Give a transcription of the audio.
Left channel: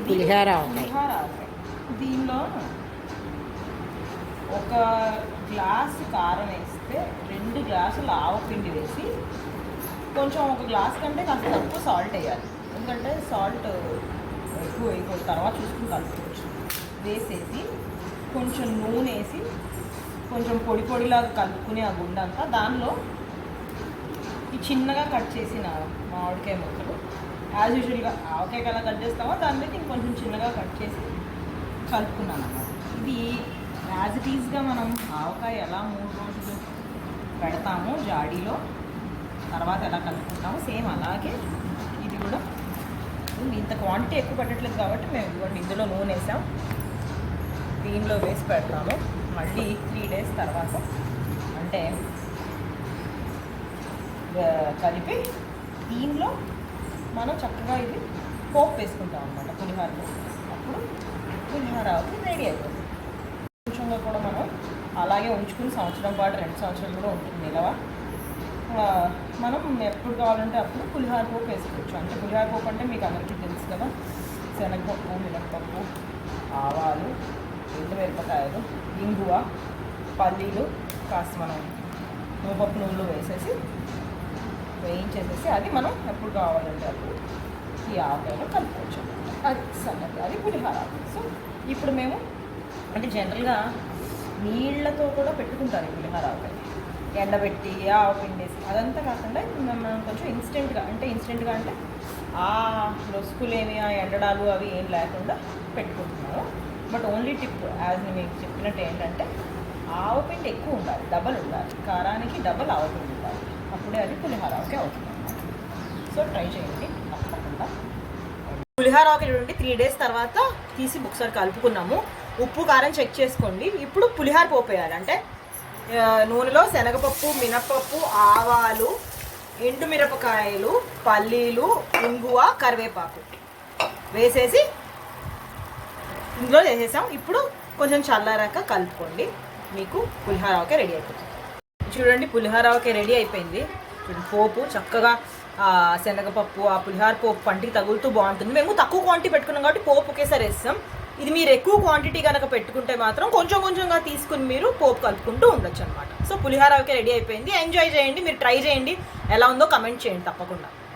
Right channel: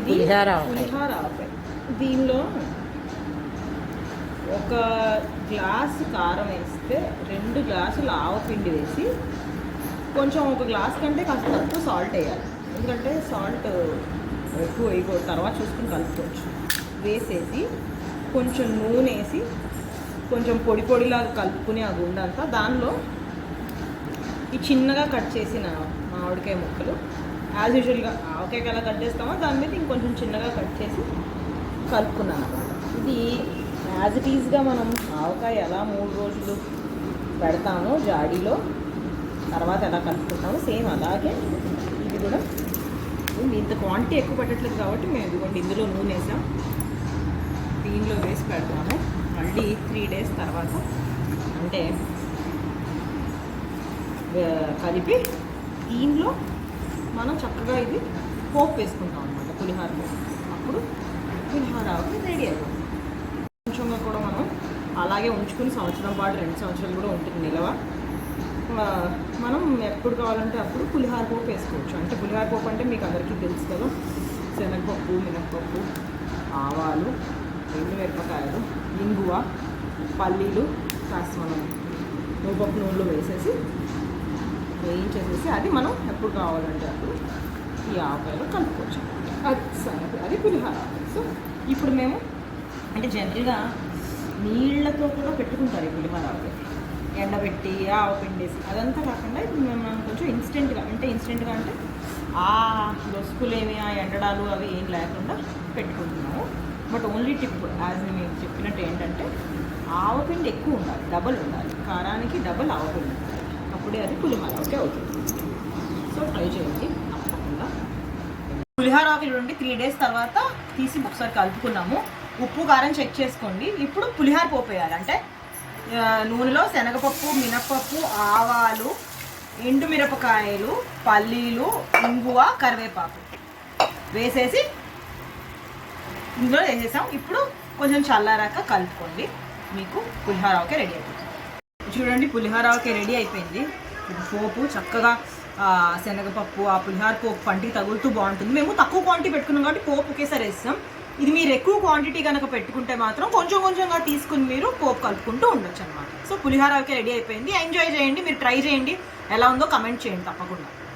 ఇది పులిహోర ఆవకాయ. దీనిలో ఒక గ్లాసు కారం వేస్తే 2 గ్లాసులు ఆవపిండి వేసి కొంచెం ఒక గ్లాస్ కంటే కాస్త తక్కువ సాల్ట్ వేయాలి. ఎందుకంటే సాల్ట్ ఎక్కువ వేయకూడదు, తర్వాత చూసుకుని కలుపుకోవచ్చు. వేసేసి కొంచెం నూనె వేసి కొంచెం పొడి పొడిలాగా కలుపుకుని ఆ గుండంతా దానిలో ఈ చిన్నగా కట్ చేసిన మామిడికాయ ముక్కలు యాజ్ యూజువల్గా ఆవకాయకి ఎలా కట్ చేస్తామో దాని మీద ఇంకొంచెం చిన్నగా కట్ చేసి కలుపుకున్నాను అన్నమాట. ఇది యాజ్ ఇట్ ఈజ్గా మనం ఆవకాయ ఎలా 3 రోజులు పెడతాము జాడీలో, తర్వాత ఎలా కలుపుకుంటాము సేమ్ అలాగే ఇది కూడా. ఇంత క్వాంటిటీ ఎక్కువ పట్టట్లేదు కాబట్టి మేము ఇదిగోండి ఇందులో నూనె వేసాం, దీనిలో వేసి పెడతాము. మళ్ళీ 3 డేస్ తర్వాత అంటే కలిపి దీనిలో మనం చక్కగా ఇది పోపు వేసుకుంటాం అనమాట, పులిహోర పోపు. అప్పుడు పులిహోర రెడీ అయిపోతుంది. కొంచెంగా కూడా మనం అలాగే ఉంచుకుని సంవత్సరం పాటు 2 సంవత్సరాలు కూడా ఉంటుంది నిలవ. మనం ఎప్పుడు కావాలంటే అప్పుడు పులిహోర పోపు వేసుకోవచ్చు. అంటే పులిహోర పోపు అంటే మీకు అందరికీ తెలుసు కదా, శనగపప్పు, మినప్పప్పు, ఆవాలు, ఎండుమిరపకాయలు, ఇంగువ, పల్లీలు, కాస్త మనం ముప్పప్పు నూనెలో వేసేసి వేయించేసేసి అది మనం ఎప్పుడు కావాలంటే అప్పుడు ఈ ఆవకాయలో కలుపుకోవచ్చు. అది సంగతి, అది పులిహోర. సో ఇప్పుడు మేము అంటే జనరల్గా నీళ్లతో కూడా పెట్టుకుంటారు ఈ పులిహోర ఆవకాయ, ఎండబెట్టి ఆవపిండి వేసి. అదంతా కాకుండా మనం కొంచెం ఇన్స్టెంట్గా అంటే ఆ లొసుకులేమి ఆ ఎండడాలు అవి ఏం లేకుండా పెట్టుకుంటున్నాము. బట్ ఓన్లీ టిప్ యాజ్ మేము చెప్పినట్టు ఏంటంటే ఆవపిండి ఎక్కువ ఉండాలి, డబల్ ఉండాలి, కారానికి డబల్ ఆవపిండి ఉండాలి, అప్పుడే అది పులిహోర ఓకే అవుతుంది. సో ట్రై చేయండి తప్పకుండా. పులిహోర ఆవకాయ చూడండి 3 డేస్ తర్వాత తీసి ఒకసారి కలుపుకున్నాము. ఉప్పు కారం చెక్ చేసుకోండి. ఇప్పుడు పులిహోర పోపు వేయాలి. అంటే నూనెలో శనగపప్పు, మినప్పప్పు, ఆవాలు, ఎండుమిరపకాయలు, పల్లీలు, ఇంగువ, కరివేపాకు వేసేసి ఇందులో వేసేసాం. ఇప్పుడు కొంచెం చల్లారాక కలుపుకోండి, మీకు పులిహోర ఆవకాయ రెడీ అయిపోతుంది. చూడండి పులిహోర ఆవకాయ రెడీ అయిపోయింది. ఇది పోపు చక్కగా శనగపప్పు ఆ పులిహోర పోపు పంటికి తగులుతూ బాగుంటుంది. మేము తక్కువ క్వాంటిటీ పెట్టుకున్నాం కాబట్టి పోపు ఒకేసారి వేస్తాం. ఇది మీరు ఎక్కువ క్వాంటిటీ కనుక పెట్టుకుంటే మాత్రం కొంచెం కొంచెంగా తీసుకుని మీరు పోపు కలుపుకుంటూ ఉండొచ్చు అనమాట. సో పులిహోర ఆవకాయ రెడీ అయిపోయింది. ఎంజాయ్ చేయండి, మీరు ట్రై చేయండి, ఎలా ఉందో కమెంట్ చేయండి తప్పకుండా.